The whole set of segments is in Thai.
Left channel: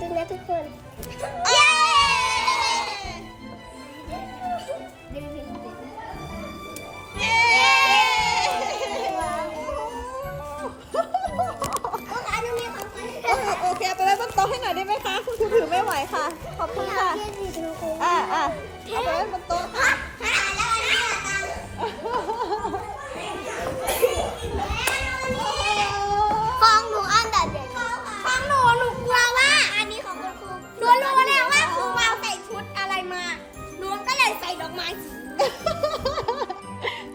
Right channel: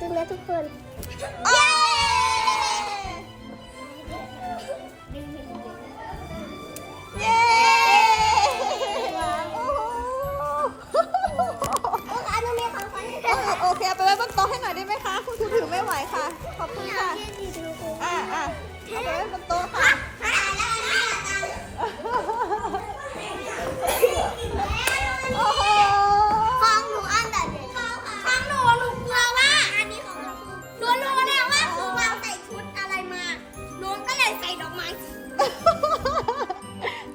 ตึงๆนะทุกคนเย้ดึงเย้โอ้อันนี้มีของขวัญโอ้โหโอเคเอาไปไว้บนโต๊ะให้หน่อยได้ไหมคะ คุณครูถือไม่ไหวค่ะ ขอบคุณค่ะ อ่าอ่าเอาไปไว้บนโต๊ะ หนูก็เลยใส่ดอกไม้สี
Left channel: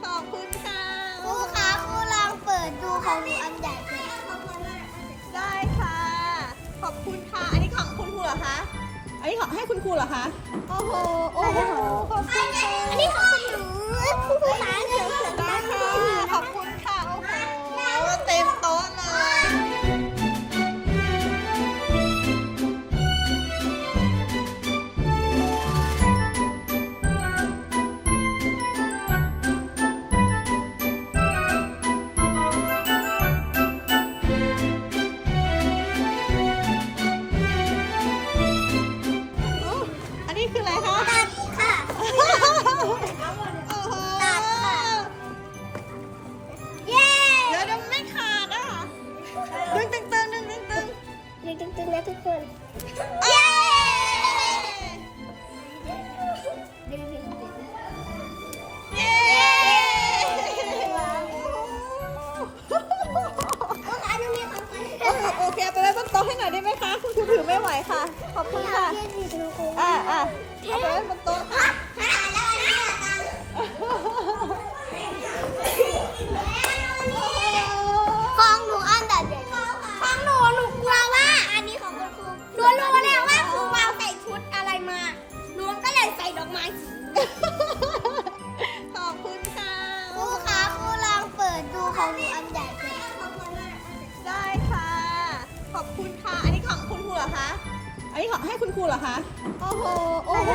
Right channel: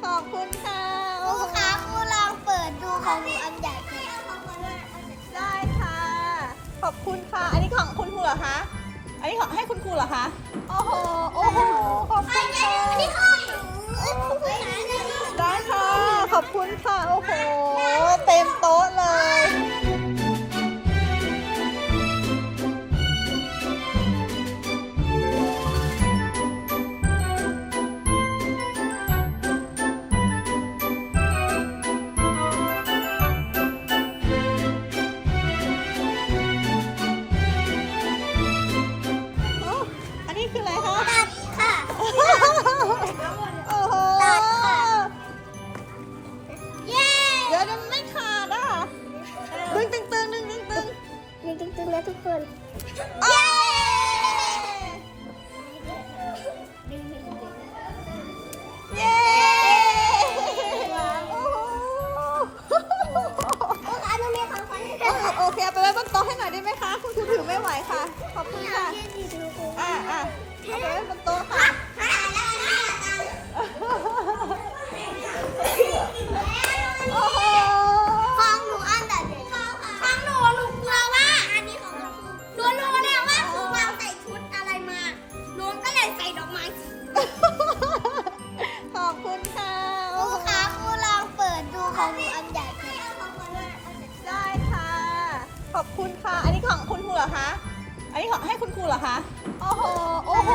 ขอบคุณค่ะครูคะครูลองเปิดดูของหนูอันใหญ่เลยได้ค่ะ ขอบคุณค่ะ อันนี้ของคุณครูเหรอคะ อันนี้ของให้คุณครูเหรอคะ นะทุกคนเย้ดึงเย้โอ้โหอันนี้มีของขวัญโอ้โหโอเคเอาไปไว้บนโต๊ะให้หน่อยได้ไหมคะ คุณครูถือไม่ไหวค่ะ ขอบคุณค่ะ อ่าอ่าเอาไปไว้บนโต๊ะค่ะ คุณค่ะ อันนี้ของคุณครูเหรอคะ อันนี้ของให้คุณครูเหรอคะ โอ้โห โอ้โห